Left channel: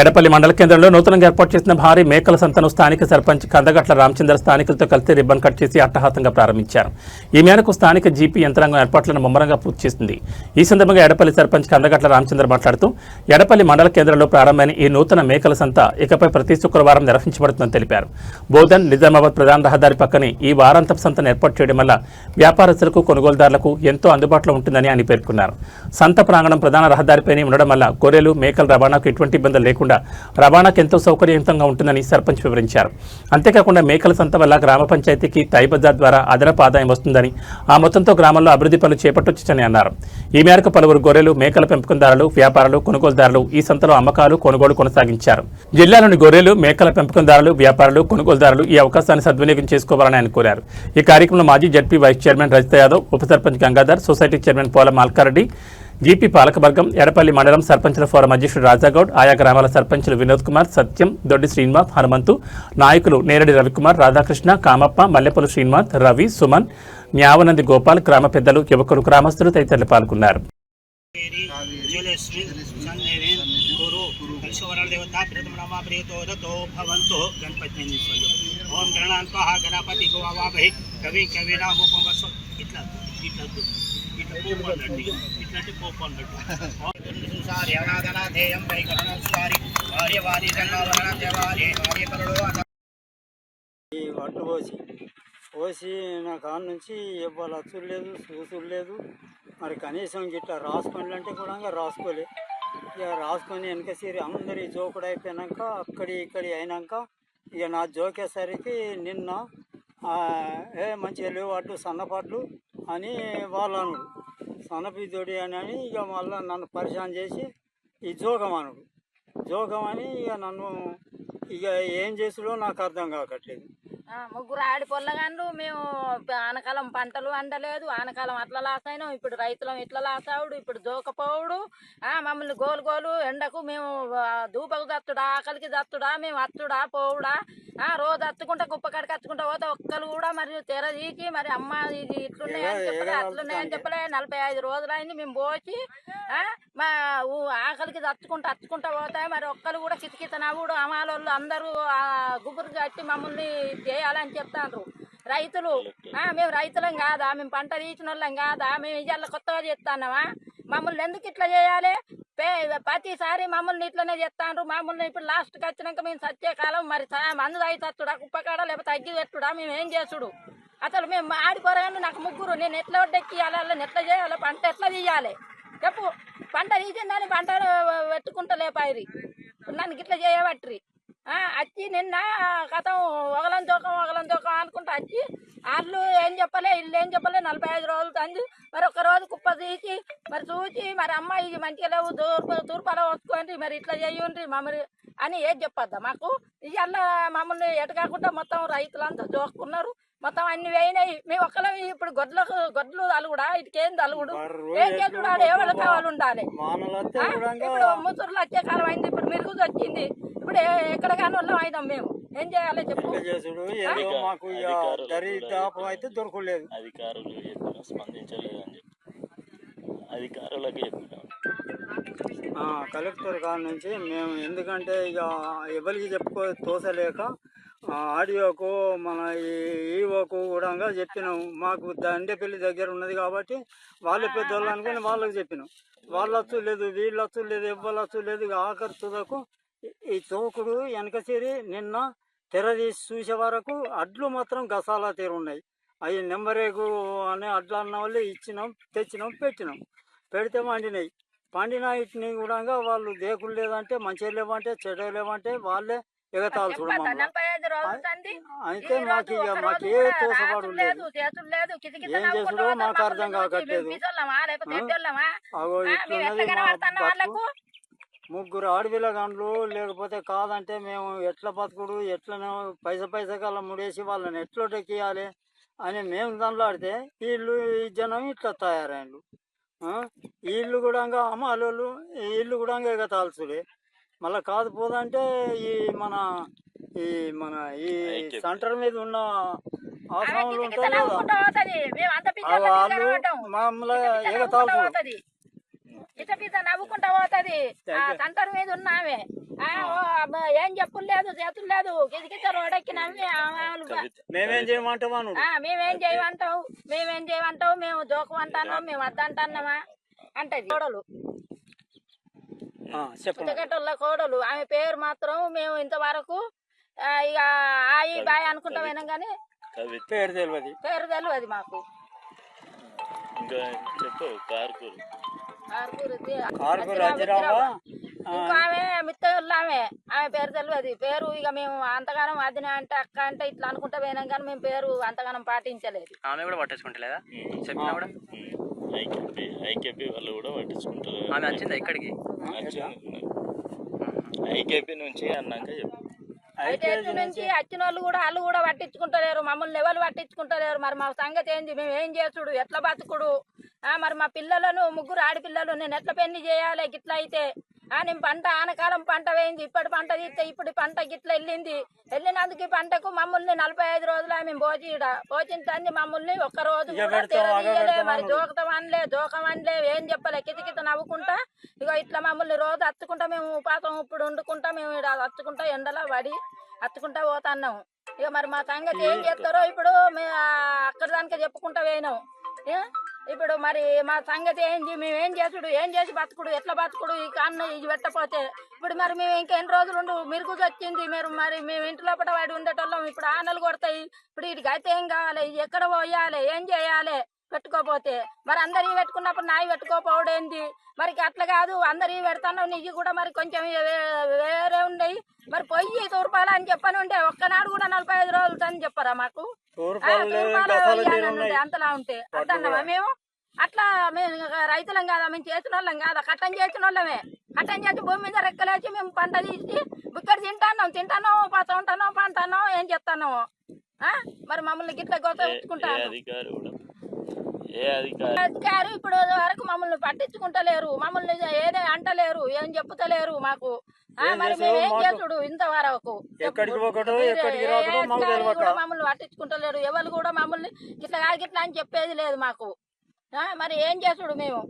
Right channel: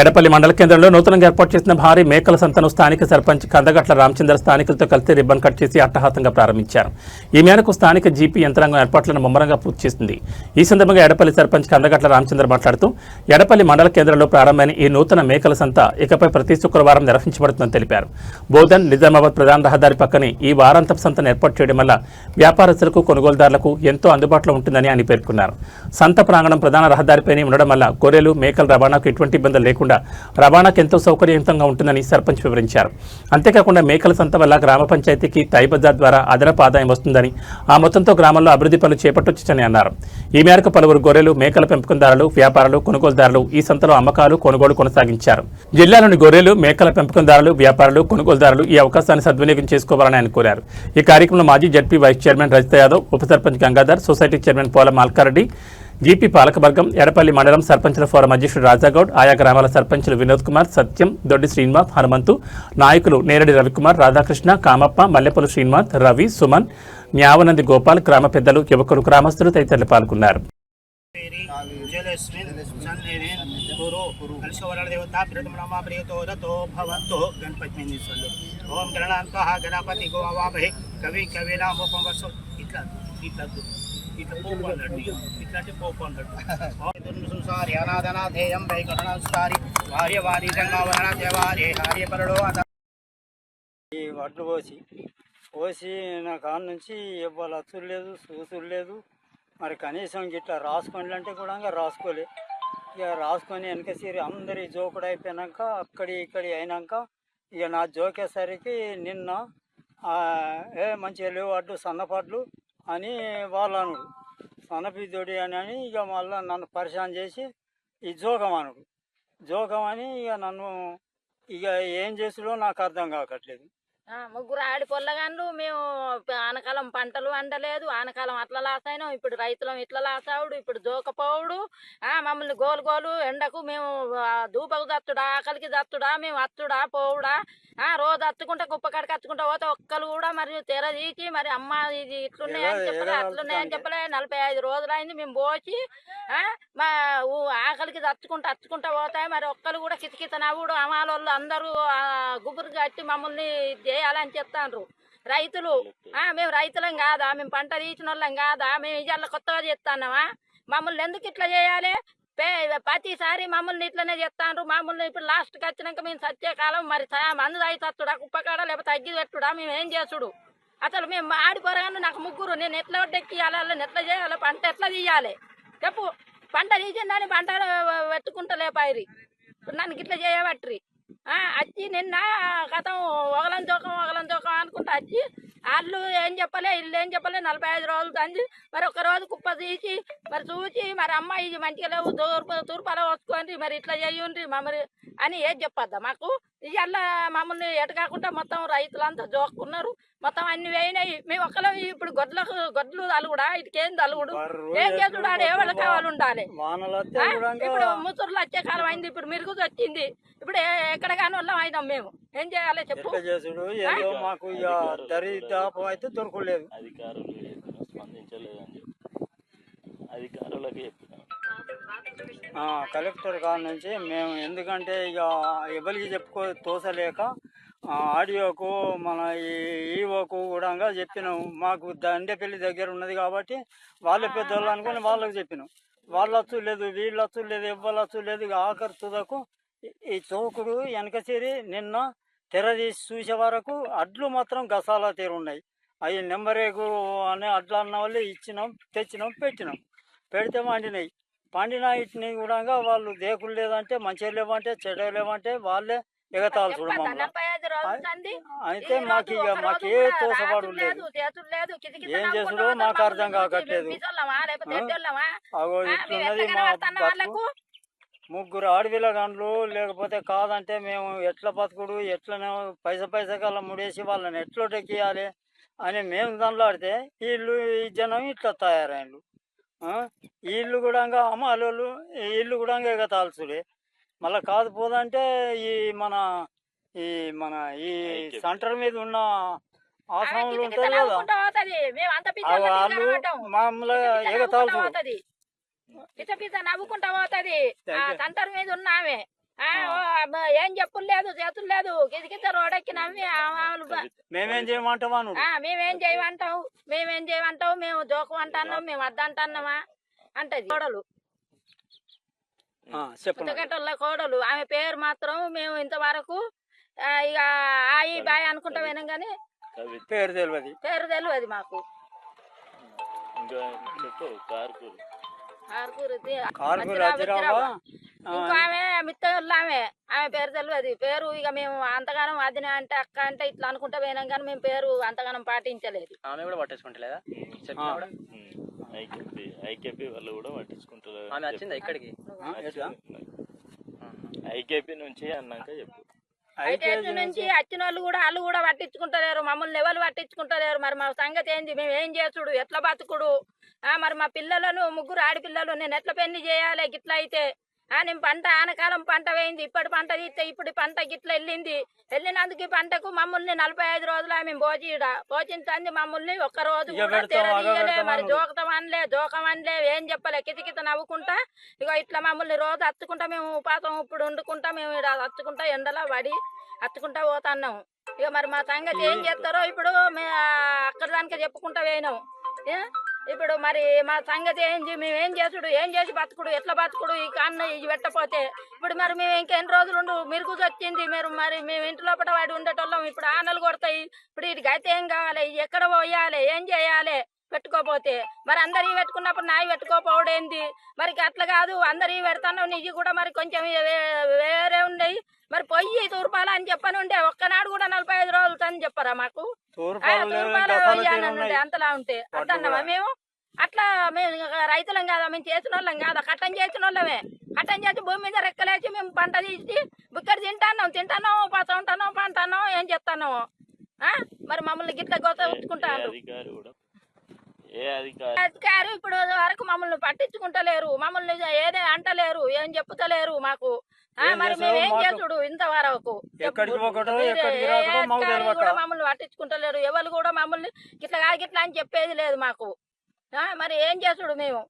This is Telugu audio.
ఎడపల్లి మండల కేంద్రంలో నూతనంగా ఏర్పాటు చేసిన భారీ మేకల సంతను స్థానిక సర్పంచ్ కందగట్ల రామచంద్ర స్థానికులతో కలిసి రిబ్బన్ కట్ చేసి అట్టహాసంగా ప్రారంభించారు. ఈ మేరకు స్థానిక జీపీ యంత్రాంగం ఏర్పాట్లను ముమ్మరంగా పూర్తి చేసింది. ఈ సందర్భంగా ఎడపల్లి సర్పంచ్ కందగట్ల రామచంద్ర మాట్లాడుతూ ఎడపల్లి మండల కేంద్రంలో ప్రారంభమైన ఈ నూతన మేకల సంత ఇకపై ప్రతి శుక్రవారం నిర్వహించబడుతుందని తెలిపారు. బోధన్ నిజామాబాద్ ప్రధాన రహదారి పక్కనే ఈ వారాంతపు సంతను ఏర్పాటు చేయడం వల్ల వ్యాపారస్తులకు కొనుగోలుదారులకు ఎంతో అందుబాటులో ఉంటుందని ఆయన పేర్కొన్నారు. సంత ప్రాంగణం ప్రధాన రహదారిపైనే ఉండడం వల్ల గొర్రెలు మేకల రవాణాకు ఎటువంటి ఇబ్బందులు లేకుండా రవాణాకు ఎంతో సౌకర్యవంతంగా ఉంటుందని సర్పంచ్ వివరించారు. అంతేకాకుండా మేకల సంత వల్ల గ్రామ పంచాయతీకి తై బజార్ ద్వారా అదనపు ఆదాయం వస్తుందని, ఆ మొత్తంతో గ్రామంలో అభివృద్ధి పనులు చేపట్టొచ్చని అన్నారు. ఈ మేరకు పలువురు గొర్రెలు మేకల పెంపకందారులు, వ్యాపారులు, కొనుగోలుదారులు ఈ సంతలో అమ్మకాలు, కొనుగోలు కొనసాగించారు. జిల్లాలోని గొర్రెలు మేకల పెంపకందారులు, వ్యాపారులు, కొనుగోలుదారులు ఈ అవకాశాన్ని సద్వినియోగం చేసుకోవాలని ఆయన కోరారు. ఈ కార్యక్రమంలో మాజీ ZP vice chairman Rajitha Yadav, ఉప sarpanch Gangadhar, society chairman Pola Malkareddy, GP పాలకవర్గం, ఎడపల్లి మండలం సర్పంచుల ఫోరం అధ్యక్షుడు రాజాగౌడ్, ఆయా గ్రామాల సర్పంచులు వినోద్ కుమార్, సత్యం, దొడ్డి శ్రీనివాస్, హనుమంతు, నాయకులు నేరడి రవికుమార్, రాధాకృష్ణ, కామప్ప, మల్లెపల్లి శ్రీనివాస్, రవి, సుమన్, న్యావనంది గోపాల్, గ్రామ పెద్దలు, యువకులు, గ్రామస్తులు తదితరులు పాల్గొన్నారు. ఓం గణాన్వః గణపతి గోవావహే కవి కవినాముపమస్సు ఇట్లా పోపు అన్నట్టు ఇట్లాంటి పోపు అన్నట్టు సంసారి అనాథనాథేయం వైగణాంసారి భార్యవాది జంగావరణ దేవారే హార్యపరుడు ఈ వడ్లు పోసి నా కాడ నుంచి ఇవ్వాలి అచ్చులు లేదు, చూసులు లేదు. మరి కనీసం గిట్లా రాసుకోండి అంటే కూడా రాసుకోలే. ఇక రాసుకొని వెనక సీరి అందరి జోకుడు అయిపోయినాక అక్కడి ఇక్కడి అయినాక ఇక నా జోకేసరికి నిన్న మంచిగా లేవు అడ్డు సన్నపడ్లు అని వాళ్ళు అనుడు, సన్నపిద్దోడి అని ఇక మళ్ళీ నన్ను పరిశాన్ చేసి ఈ జోకం అనుడు. జోకం అని ఇక నన్ను ఇక ఏం చేసుడో నాకు అర్థం కావట్లేదు. ముగ్గురు ఆడిపొల్లగాన్లు మేము ఆనకాలం పంటలు వండలేదు, ఆనకాలం అట్లా లాస్ అయినాం, ఇప్పుడు రైతులం ఇట్లా లాస్ అవుడు, ఇప్పుడు జోకపోవుడు. మమ్మల్ని గోలు ఎండకు మేము దూపకు దత్తుడా, ఆకలికి దత్తుడా, మేము అత్తుడా పోవుడా, రోజు అత్తుకుంటా కుప్పకాడికి అత్తుకుంటా పోతే ఒక్కరు కూడా మరి తెర తీసి మరి అమ్మ ఇది ఇట్లున్నాయని చెప్పలే, అట్లున్నాయని చెప్పలే. 45 రోజులు అయింది మేము పోసి మా ఆకలికి అత్తుకుంటా పోతాయి. మరి ఒక్కరు కూడా కితకిత నవ్వుడు, అమాలోళ్ళు అందరూ గుబురు కట్టి మమ్మల్ని చేయాలని చెప్తాండ్రు. రైతులు మేము రైతులం కాదా, మేము పంట తీసిన వాళ్ళం కాదా, మేము ఇవాళ కొత్తగా చేస్తున్నామా? మమ్మల్ని ఎందుకు ఇట్లా చేయాలి? ప్రతిసారి మమ్మల్ని ఇట్లనే చెప్తాండ్రు. మమ్మల్ని ఇప్పుడు లాస్ట్కి వచ్చినాక మేము సచ్చే కాలం మరి మందు తాగి తత్తుడా, కుప్పకాడ లేకపోతే తగ్గి పెట్టుడా, మేము ఏం చేసుడు? అసలు మేము ఆడిపోరాగానే నాకు ముగ్గురు, నేను ఎట్లా వడ్డెక్కియాలి, వాళ్ళని ఎట్లా చేయాలి, పంట ఎట్లా తీయాలి చెప్పు? పంట తీసిందని పంట పెట్టుకుంటలే పైరి నన్ను ఇట్లా చేయబట్రి వచ్చి నిన్న గతం ఒకలం తోకం అనుకుంటా వచ్చి వాళ్ళు ఏం చెప్పలే, ఇల్లు ఏం చెప్పలే. 45 రోజులు తంది మరి ఒక రోజు కుప్ప తీసి మరి చూసి మరి అమ్మాయి ఇది మంచిగా లేవు, తూర్పాలో వస్తుంది, మరి ఇట్లా చేయండి మమ్మల్ని అని ఏది చెప్పొద్దా మాకు? ఇవాళ మమ్మల్ని ఎటు కాకుండా మొత్తం రైతులంతా జోక్కున్నారు, మొత్తం అన్ని వేయినాయి. మేము ఒక్కలో ఇప్పుడు గొడ్లు అలుగుడా, ఇటుకేం అలుగుడు, ఏం చేసుడు? ఎవరి కావాలి ఉండాలి. ఇప్పుడు ముసూరులు వచ్చే కాలం అయింది, ఇప్పుడు మిరుగు వచ్చింది, ఇప్పుడు ఎక్కడ కాని వాళ్ళం అయినాం. మేము ఏం చేయాలి చెప్పు? మాకు దరిదాపు అయితే దొరకలేదు. కలెక్టర్ కాడ నుంచి మేము ఎందుకంటే ఇక ఎవరికి తోసలేక ఆడియోకు మన ఈవోకు కూడా చెప్పినాం. మాకు దండేపల్లి దగ్గర ఉన్నది కాబట్టి వాళ్ళే పెద్దవాళ్ళు అనుకుని వాళ్ళకి చెప్పినాం. వాళ్ళు అచ్చు లేదు, వీళ్ళు అచ్చు లేదు, ఎవ్వరు అచ్చు లేదు. ఇక ఆఖరి తుదకు ఈ తోకుడు వెనక చేరి నిన్న తెరదీసి చూసే వరకు అడ్లు మాత్రం గసాలా తీరున్నాయి. అవి నెంబరేకు అనే అడ్లు అన్న వాళ్ళు ఇచ్చినాం, తెచ్చినాం, పెట్టినాం. పెడితే పండిన ఇట్ని కూడా వాళ్ళు దేకులు లేదంటే, మంచిగా లేవంటే, చెడ లేవంటే వాళ్ళే ఎగతాలు చూడ మమ్మల్ని. అయితే మాకు ఏ తోసపడు లేదు, ఏం చేసుడో మాకు అర్థం కాకట్లేదు. అగో ఇట్లున్నది మా బతుకు. ముగ్గురు ఆడపిల్లగాండ్లు లేకపోతే కాదంటే మేము ఎట్లా బతుకుడు, ఎట్లనే పైస కల్లా ముడేసి వాళ్ళని ఎట్లా టెక్కియాలి అని మేము దండలాడితే వీళ్ళు ఈ జనం ఇట్లా తయారైండు. వీళ్ళు కూడా అమ్మాలోళ్ళు వీళ్ళు కూడా ఎగతాల్చుడే. మళ్ళీ కాదు పోదంటే ఈ సెంటర్ మీద ఉన్న ఆసాములు ఉంటారు కదా, వాళ్ళు మామూలుగా ఎగతాల్చుడు. నవ్వుకుంటా పోతుంది. సెంటర్ మీద ఉన్నామే ఏం చెప్పులు లేదు చేతులు లేదు గిదిగిత రోడెక్కి నమ్మి మేమేం చేయమంటావా నువ్వు? మేమేం చేయమంటావు మేము జోకు అంటున్నాం మేము వద్దంటున్నామా అంటది కోడలు పుట్టగట్టల కోడలు ఆమె పేరు మాత్రం మేము ఇంతవరకు ఇక ఆయి బాయ్ అనుకుంటా పోయినాం కానీ పేరు తెలియదు మాకు. ఇంకా ఆమె మిత్తలు ఆమె పేరు తెలియదు. పేరు ఇక మేము అంతగానం అదిన అంటే అక్క అంటే ఇట్లా అనుకుంటా పోయినాం కానీ మేము పేరు అంతగానం పాటించలేదు. ఆమె కూడా పట్టించుకుంటలేదా? చెప్పినా కూడా ఐకేపీ వాళ్ళు కూడా పట్టించుకుంటారు. ఆమె వచ్చిందా ఇక్కడికి? ఐకేపీ నుంచి అన్నాక ఐకేపీ నుంచి వచ్చిన వాళ్ళు కూడా పట్టించుకుంటలేరు. మమ్మల్ని ఎవరు పట్టించుకుంటలేరు. మరి మా సంగతి ఏంది? మేము ఏం చేసుడు? ఎట్లా బతుకుడు? మరి మా పిల్లలను ముగ్గురు ఆడపిల్లలు నేను ఎట్లా పెళ్లి చేయాలి? గిట్లా అయితే నేను పంట ఆనకాలం పంట వేయింది. ఇప్పటి పంట తీస్తే ఇప్పుడు పంట గిట్ల వెళ్ళినందుకు ఈ పంటకు మమ్మల్ని 45 రోజులు మేము పోచిన తంది మమ్మల్ని ఒక్క రోజు మరి జోకం అనలే ఏం చెప్పలే. కితకిత నవ్వుకుంటా ఇక ఇట్లా మమ్మల్ని రోజు అత్తుకుంటా మేము ఉపాసం ఇప్పుడు వండుకుంటా మేము అత్తుకుంటా ఎండలో పడి అత్తుకుంటా పోతున్నాము. ఇక మరి మా సంగతి ఏం చేస్తారో ఇప్పుడు అక్కడ దానికి చెప్పుకుంటా పోయినాం. ఇప్పుడు మరి మా సంగతి ఏంది? మేము ఏం చేసుడు? ఏం చేసి బతుకుడు? ఎట్లా బతుకుడు? ఈ కన్ను ఇవి పెట్టపోతే ఇప్పుడు మరి మేము ఇంకెన్ని రోజులు మిరుగుసు వచ్చింది. మరి మేము ఇంటి లోపల వాడి ఉండేటోళ్ళం. ఇప్పుడు ఆనలు కొడతాయి. ఇప్పుడు వీటికి అయితే ఏం కావాలి? ఎక్కడ పోయాలి? ఏం చేయాలి? పెట్టుకోపోతే మరి అందరి పెట్టుకున్నప్పుడు నాయి పెట్టుకోపోవడేంది? మరి అట్లా కాదు అందరి పెడతాను నీకు కూడా మరి కొంచెం వేరే ఉన్నాయి. మరి పొయ్యి తూర్పాల అని చెప్పని ఉండే ఒక్కనాడు కూడా 45 రోజులు అని చెప్పారా మాకు? అంతలా ఉంటే అర్థమా? మేము అట్లా మేము రైతులం కాదా? మేము చేసిన వాళ్ళం కాదా? కట్టం చేసిన వాళ్ళమే. కట్టం చేసి భూమి మీద రెక్కలేసి మేము పంట తీసి బుక్కడి తింటాను పసంటాను పంటాను ఏం చేస్తాను? మరి మమ్మల్ని గిట్ల గోసకుంటాను. అధికారి ఇప్పుడు వరకు మమ్మల్ని పట్టించుకుంటలేరు. మమ్మల్ని ఏదే అంటలేరు. ఏం చెప్పుతలేరు మాకు. మరి మేము ఏం చేసుడు? ఇంతవరకు మమ్మల్ని పట్టించుకుంటలేరు. ఎవరు కూడా మమ్మల్ని గిట్లా అని చెప్పేది లేదు మాకు. మరి ఏం చేసుడు మేము?